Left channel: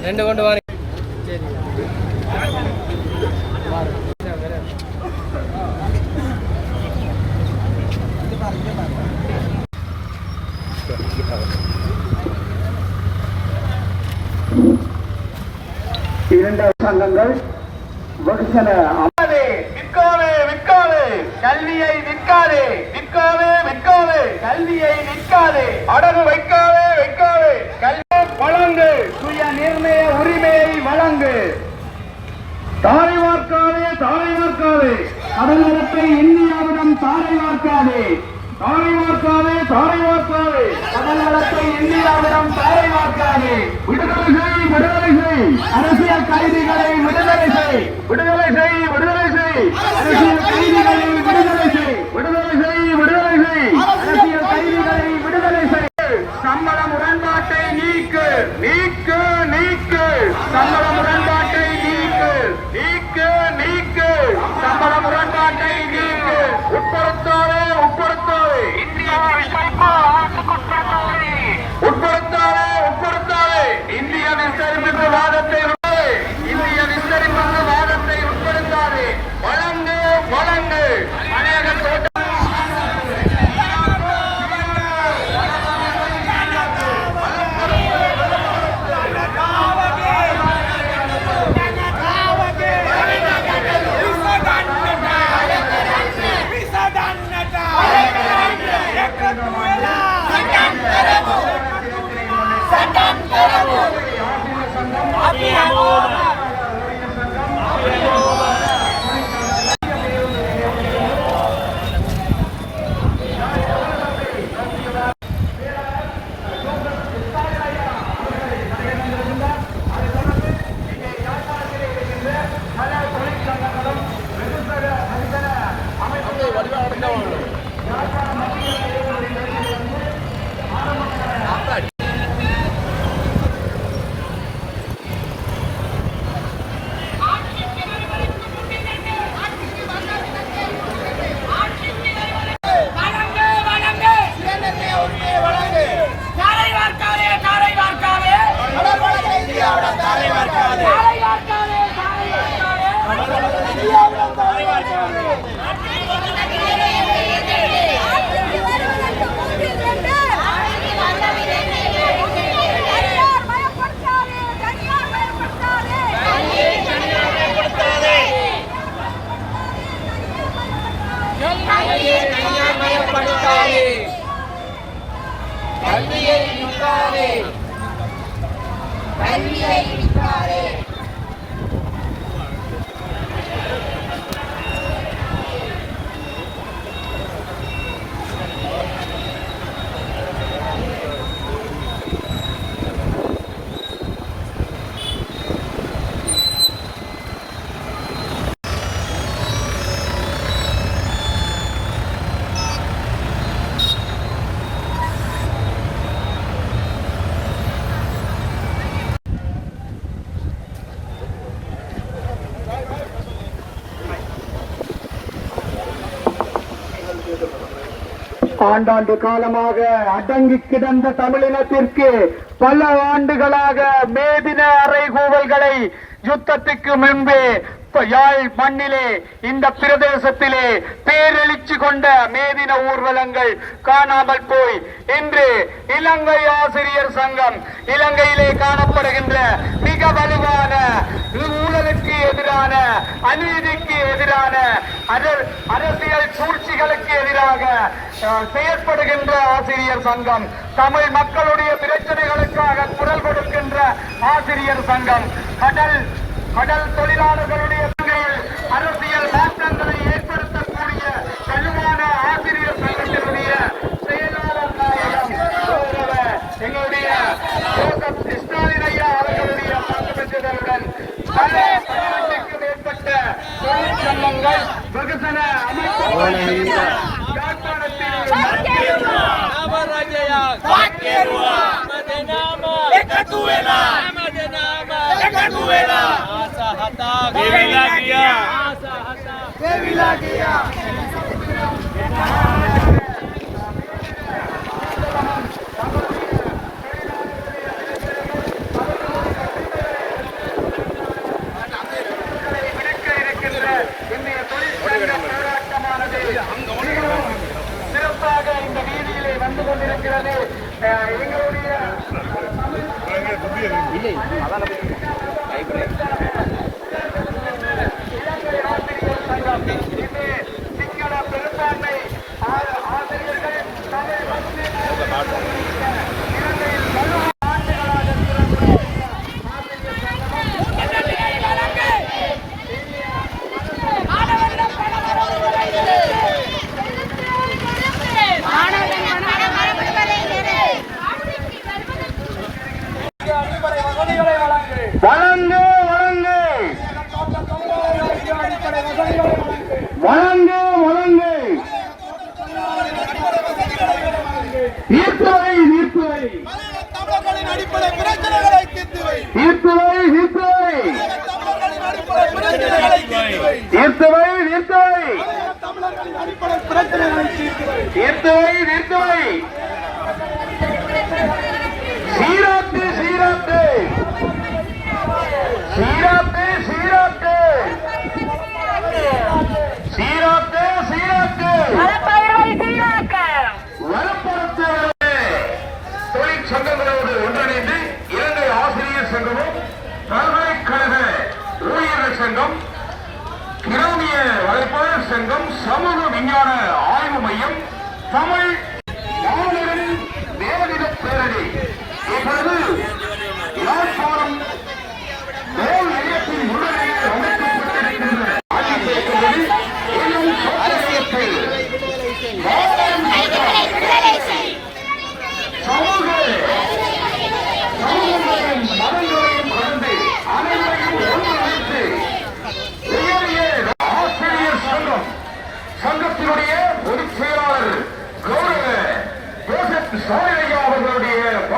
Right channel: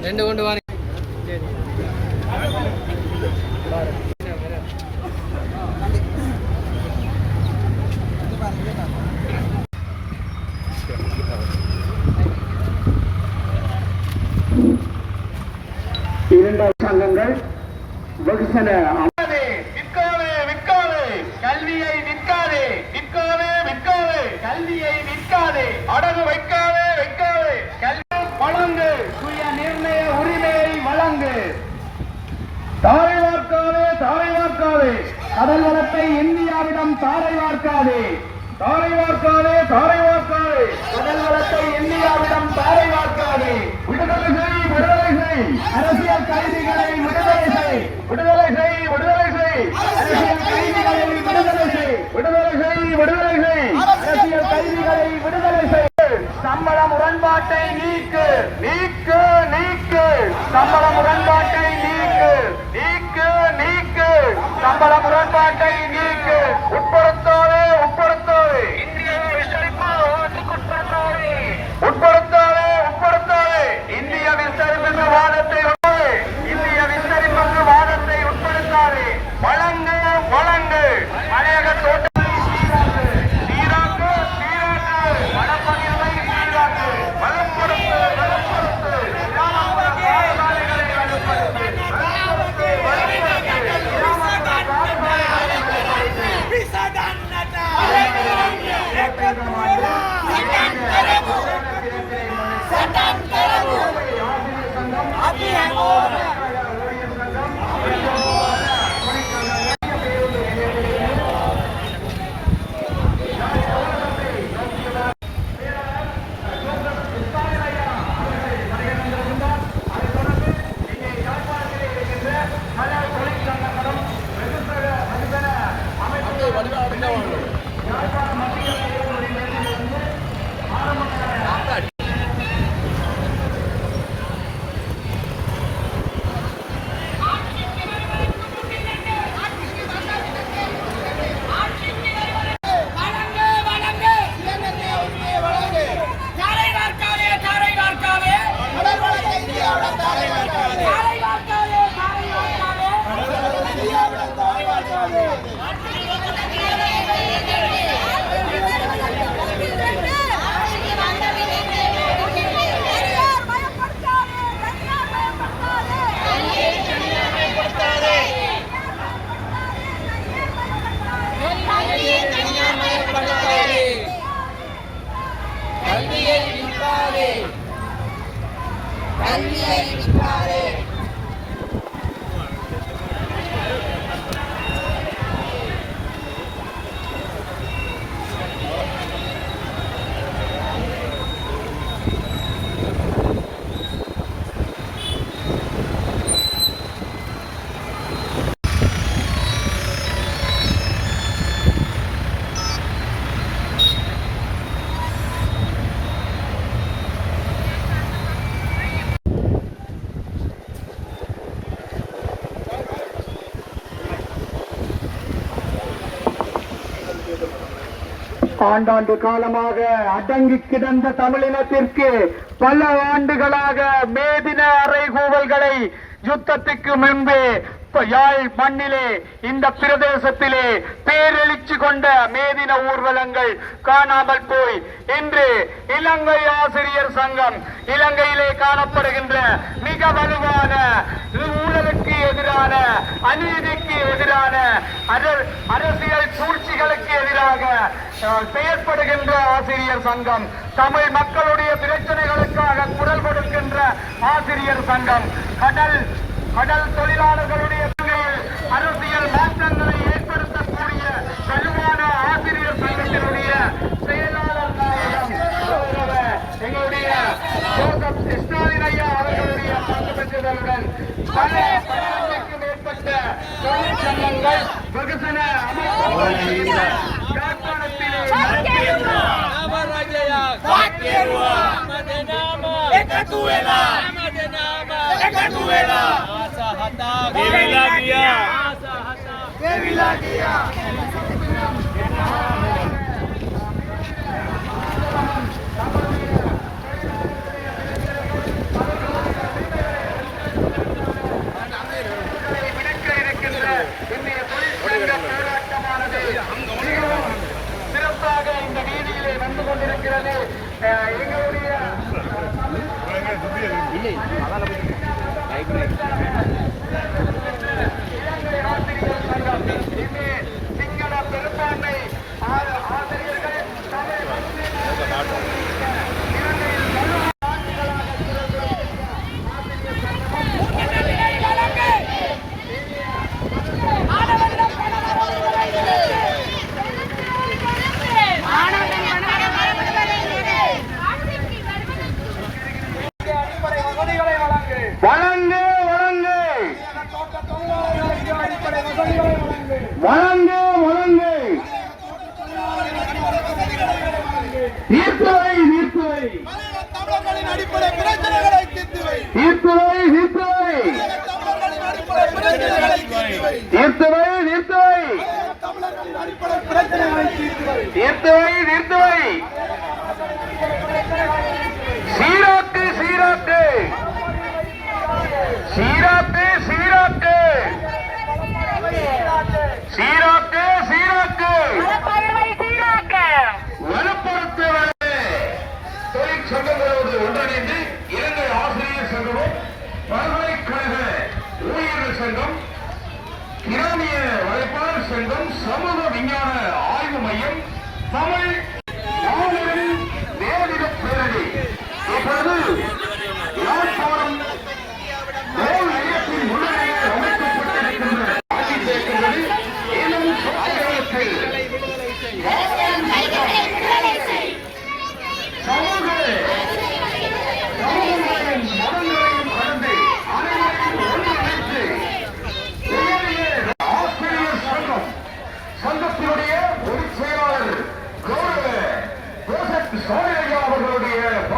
ரெண்டு கொண்டு வாரு. இரண்டாவது சங்கங்கள் வெகுசன விற்காதே விற்காதே கல்வியை விற்காதே விற்காதே விற்காதே கல்வியை விற்காதே அடகு வைக்காதே வைக்காதே கல்வி வழங்கு சுய நிர்ணய உரிமையை வழங்கு தாரை வார்க்காதே தாரை வார்க்காதே கடல் வளத்தை இந்தியாவிடம் தாரை வார்க்காதே தாரை வார்க்காதே தாரை வார்க்காதே கடல் வளத்தை இந்தியாவிடம் தாரை வார்க்காதே விடுதலை செய் விடுதலை செய் அரசியல் கைதிகளை விடுதலை செய் விடுதலை செய் விடுதலை செய் அரசியல் கைதிகளை விடுதலை செய் விடுதலை செய் விடுதலை செய் அரசியல் கைதிகளை விடுதலை செய் சம்பள முரண்பாட்டை நீக்கு நீக்கு நீக்கு சம்பள முரண்பாட்டை நீக்கு நீக்கு நீக்கு சம்பள முரண்பாட்டை நீக்கு உட்படுத்தாதே உட்படுத்தாதே இந்தியாவை விசாரிப்பு உட்படுத்தாதே உட்படுத்தாதே இந்திய விசாரிப்பு வாதத்தை இந்திய விசாரிப்பு வாதத்தை உட்படுத்தாதே வழங்கு வழங்கு அநேக ஆண்டாண்டு காலமாக அடங்கி கிடந்த தமிழினத்திற்கு பல ஆண்டுகளாக மேதின அறைகூவல்களை யுத்தத்துக்கு முன்பே யாழ் மண்ணிலே இந்த பிரதேசத்திலே பேரெழுச்சி கொண்ட மேதின ஊர்வலங்கள் காணாமல் போய் இன்று இலங்கை ஆசிரியர் சங்கம் இலங்கையிலே காணப்படுகின்ற மிக வலுவான ஊழலுக்கு எதிரான அநீதிக்கு எதிரான அரசியல் சூழ்ச்சிகளுக்கு எதிராக செயற்படுகின்ற ஆசிரியர் சங்கம் தமிழ் மக்களுடைய பிரச்சனைகளுக்காக குரல் கொடுக்கின்ற ஆசிரியர் சங்கம் கடல் தொழிலாளர்களுடைய அரசியல் மாற்றங்களை ஏற்படுத்தக்கூடிய வலுவான ஆசிரியர் சங்கத்தினுடைய எங்களுடைய கிருஷ்ணாதிரையா அவர்களுடைய பெற்றதனுடன் மேற்பட்ட தொழிற்சங்கங்கள் வெகுசன சிறப்பாக இந்த வீதியிலே வந்து கொண்டிருக்கிறது. பெரும்பான்மை ஆசிரியர்கள் அடிப்படை வசதிகளை வழங்கு வழங்கு வழங்கு வழங்கு நீர்த்துறை தமிழர்களின் அடிப்படை பிரச்சனைகளை தீர்த்துவை நீர்த்துறை தமிழர்களின் அடிப்படை பிரச்சனைகளை நீர்த்துறை தமிழர்களின் அடிப்படை பிரச்சனைகளை நீர்த்துறை சீராட்டு வனப்பரத்துறை தொழிற்சங்கங்களோடு ஒன்றிணைந்து இலங்கை ஆசிரியர் சங்கமும் பல்கலைக்கழக ஊழியர்கள் சங்கம் கிராமிய வலைப்பாளர் சங்கம் சமூக விஞ்ஞான ஆய்வு மையம் தமிழ் மாநிலம் நேரடித பேரணி இப்பொழுது யாழ்ப்பாணம் மேல் நிலையத்தின் முன்னிலையில் அமைக்கப்பட்டிருக்கின்ற சங்கத்தினுடைய பொதுச் செயலாளர் கௌரவ ஜோசப் சாலியா அவர்களுடைய